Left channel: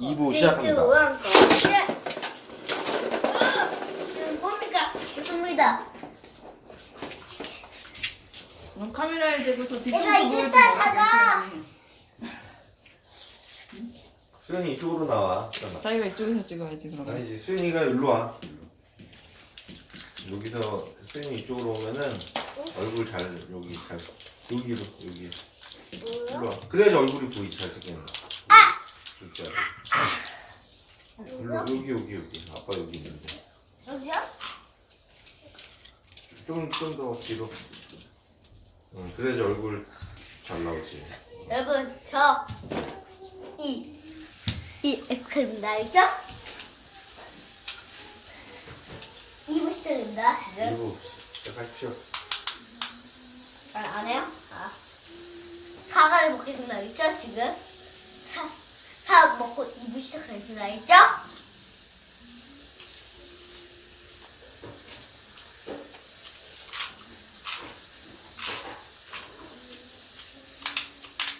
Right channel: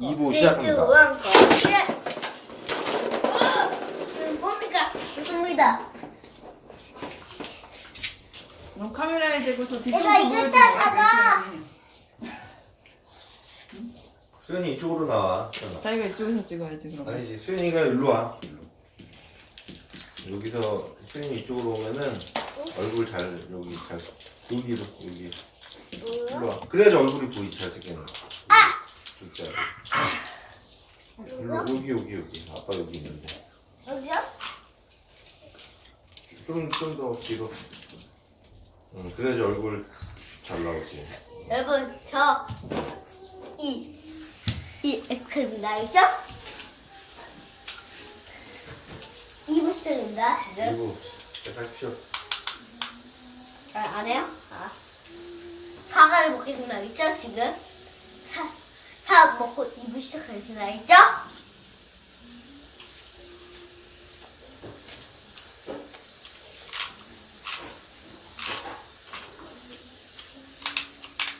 2부 시작합니다. 우한 거. 예. 어, 이거 뭡니까? 좋습니다. 어, 카메라에 대고 저 뒤쪽 내가 이거 다 사가. 수현이 이쪽으로 나와. 수현아. 자기가 이쪽에서 찍어야지 그럼. 아니지 수현이가 일로 와. 여기서 수현이 이쪽으로 오면은 얼굴 잘 여기 잘 여기로 여기 일로 와. 그래야지 얼굴이 보이 잘생기는 거. 일로 여기 여기 여기 아빠 여기 있는데 여기요? 좀좀더 뒤로. 응 그래야지 얼굴 잘 나오지. 여러분 저 이, 이 엑셀입니다. 알죠? 이부 시절입니다. 지금. 그리고 시작하십시오. 아, 안 해요? 아. 사과를 먹겠습니다. 알죠? 지금. 사, 사 먹고 이부 시작하겠습니다. 알죠?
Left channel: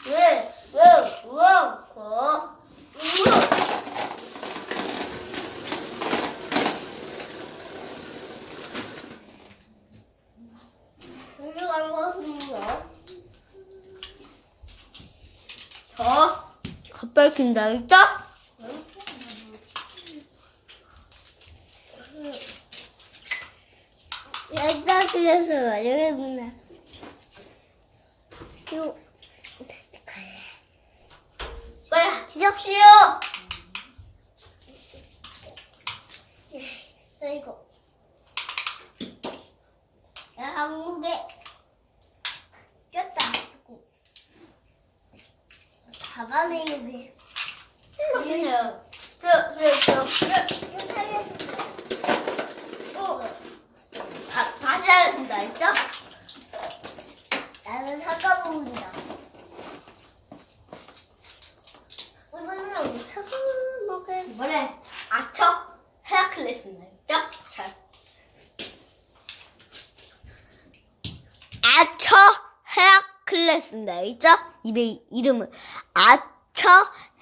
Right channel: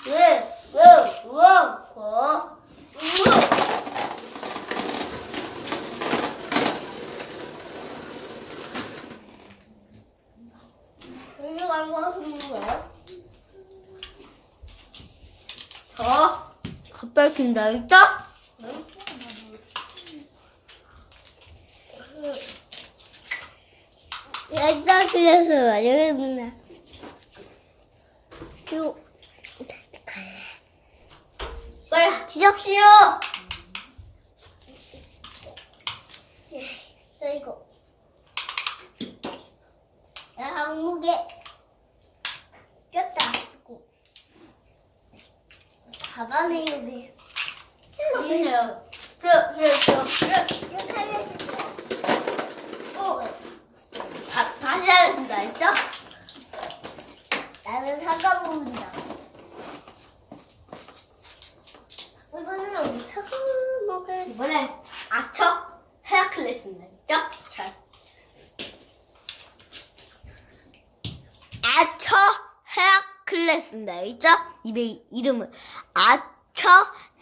왜, 왜, 우엉, 고, 우엉. 이거 알고 하는 거예요? 저, 겉밝힌다, 알죠? 여자 그래서 여기입니다. 요, 빨리 지적시오. 야 이거, 야 한국에 꼈다. 보세요. 저, 저, 저, 저, 저 살려주세요. 어. 다, 다시 하겠습니다. 알죠? 나는 사과 먹는다. 이번에는 사과 먹을. 이번엔 아처 헤라클레스입니다. 알죠? 잘. 아처 헤라클레스 알죠? 이의 이름은 아처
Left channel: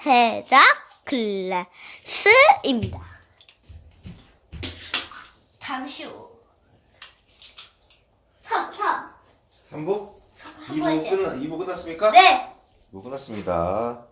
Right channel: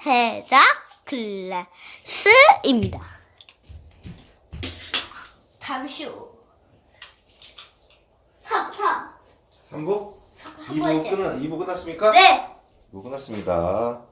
헤라클레스입니다. 잠시 후. 3, 3. 3부? 한 2부 번째. 끝나 2부 끝났습니까? 네. 2부 끝났습니다.